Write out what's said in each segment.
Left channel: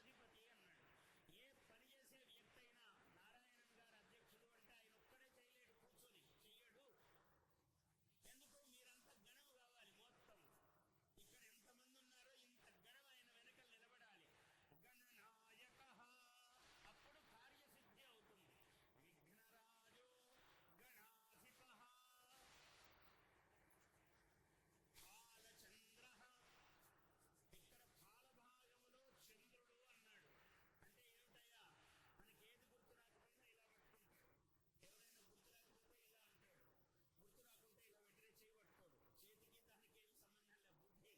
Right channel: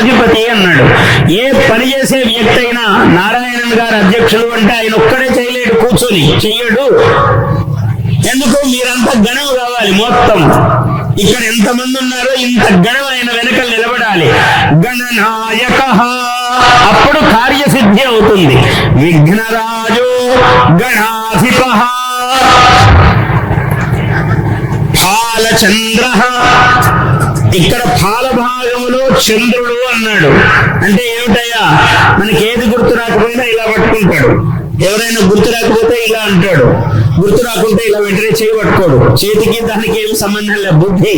అధిపతి అన్నాడు. ఏ పని చేసే వ్యక్తి అయినా నారాయణన్ గారు అధ్యక్షులు అంటే ఆయన ఒక్కడే చేయలేడు, కూర్చొని చెయ్యడు. ఎందుకు? మీరంతా గణం కావాలి. మొత్తం ఇక్కడ ఎంతమంది ఉన్నారో ఇంత గణం ఆయన వెనక నిలబడాలి. గణనాయక, అప్పుడు కార్యసిద్ధి అవుతుంది. విఘ్నరాజో గణాధిప, ఫాలచంద్ర, ఇక్కడ ఫాల భాగంలో చంద్రుడు అన్నాడు. అంటే ఏమిటయ్యా, మనకి ఏది గుర్తు రాకపోయినా ఇలా పట్టుకుంటాడు. ఎవరైనా గుర్తు రాకపోతే ఇలా అంటాడు, గుర్తు రాకుంటే ఇలా వెంటనే చేయి పట్టుకోడు. చేతికి దానికి ఏమి సంబంధం లేదు. బుద్ధి,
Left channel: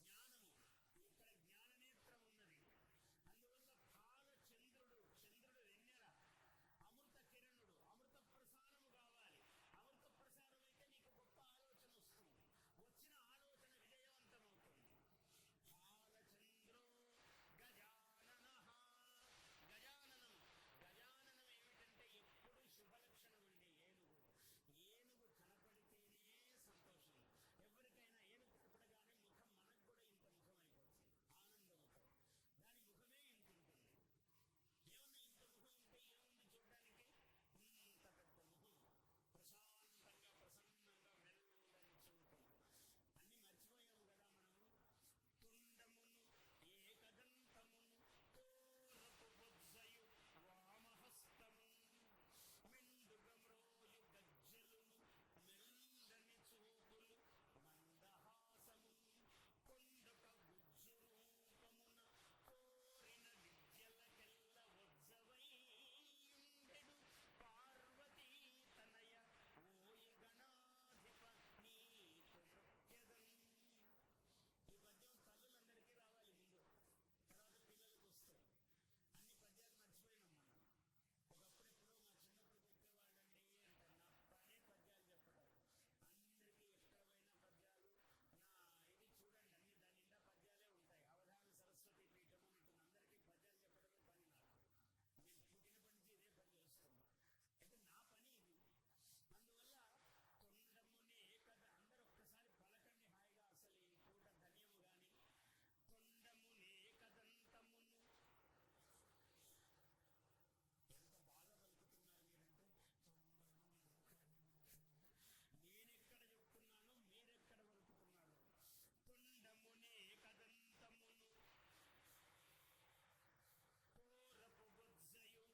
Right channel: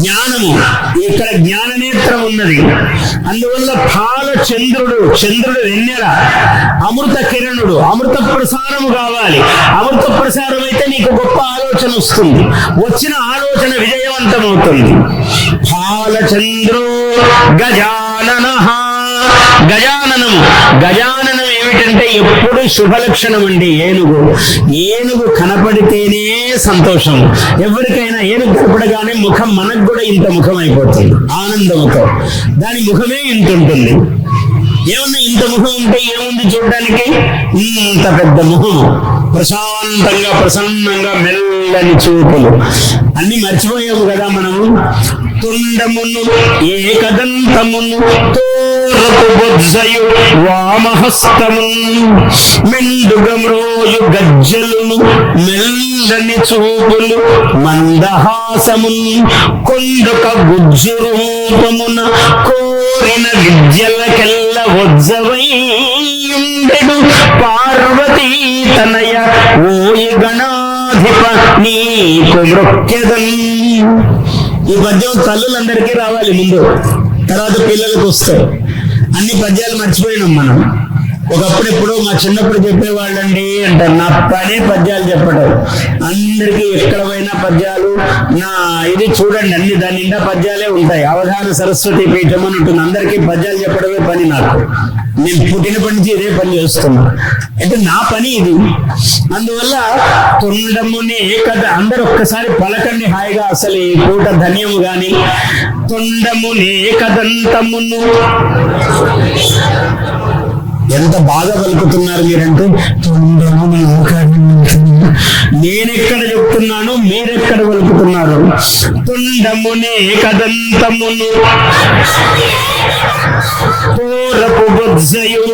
జ్ఞానము, ఇక్కడ జ్ఞాననేత్రం ఉన్నది. అందువల్ల ఫాల చంద్రుడు, చంద్రుడు వెన్నెల, అమృత కిరణుడు, అమృత ప్రసారము కావాలి. అమృత ప్రసారం అయితే నీకు గొప్ప ఆలోచన వస్తుంది. వచ్చిన ఆలోచన విజయవంతమవుతుంది. ఫాల చంద్రో గజానన, గజాననము, గజాననం ఏమిటంటే ఎప్పుడు శుభలక్షణం అండి. ఏనుగు, ఏనుగు కనపడితేనే సంతోషం. ఎవరికైనా ఏనుగు కనపడగానే ముఖం మనకు కూడా ఇంత ముఖం అయిపోతుంది, ఆనంద ముఖం. దాని ముఖమే ఇంత ఉంటుంది. ఏమన్నా ఇంత ముఖం ఉంటే ఏముంది చూడడానికి? ఇంత పెద్ద ముఖం, ప్రశాంతంగా ప్రసన్నంగా మెల్లని చూపులు. అన్ని మర్చిపోయాము కదా మనము. తుండమును ఏకదంతమును తోరపు బొజ్జయు వామహస్తమును మెండుగమ్రోయు గజ్జలును మెల్లని చూపులు మందహాసమును కొండొక గుజ్జు రూపమున కోరిన విద్యలకెల్ల వజ్జవైయుండెడు పార్వతీ తనయ ఓయి గణాధిప నీకు మృక్యదన్. ఈ పద్యం తల్లులందరికీ రావాలి ముందు, తర్వాత పిల్లలకు వస్తాయి. అన్ని పద్యాలు మర్చిపోయినాం మనం. ఒకప్పుడు ఎప్పుడో మా చిన్నప్పుడు చెప్పేవాళ్ళండి అంటారు. నా పనే పద్యాలు చెప్పడం. అందరికీ ఎక్కడ పోయినా పద్యాలు. నా ఇది చూడండి, అన్ని దాని నిండా పద్యాలే ఉంటాయి. అవధాన సరస్వతి పీఠం అని ఉంటుంది. అందరికీ పద్యాలు చెప్పడమే పని నాకు. నేను పుట్టినప్పటి నుంచి ఇదే పని చేస్తున్నా. అంటే నా పని ఇది. అందువల్ల తొండముని కథ అందరు ఒక్కసారి పలకండి హాయిగా. అసలు ఈ పూట ధన్యము గాని. తొండముని కదంతమును, ఎంత బాగా పలుకుతున్నారు మీరంటే. నేనెక్కడ చెప్తున్నాను, మీరెక్కడ పలుకుతున్నారు? తొండమునే కదంతమును తోరపు బొజ్జయు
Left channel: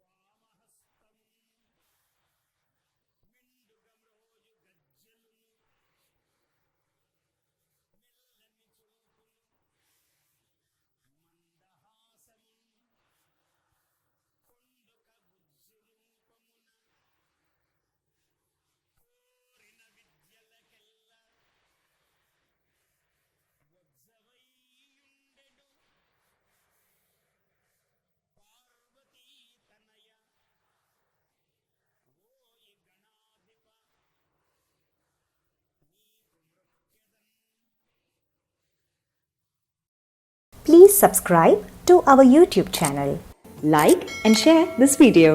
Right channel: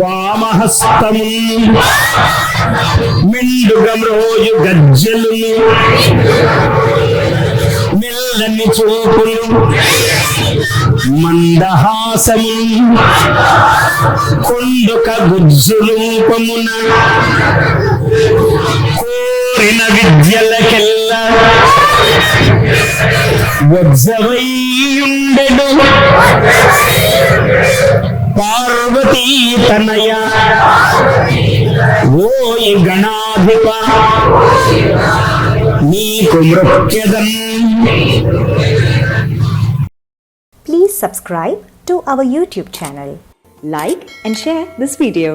వామహస్తము మెండుగమ్రోయు గజ్జలును మెల్లని చూపులు మందహాసము కొండొక గుజ్జు రూపమున కోరిన విద్యలకెల్ల వజ్జవైయుండెడు పార్వతీ తనయ ఓయి గణాధిప నీకు మృక్యదన్. Please subscribe to our YouTube channel. Like and share this video.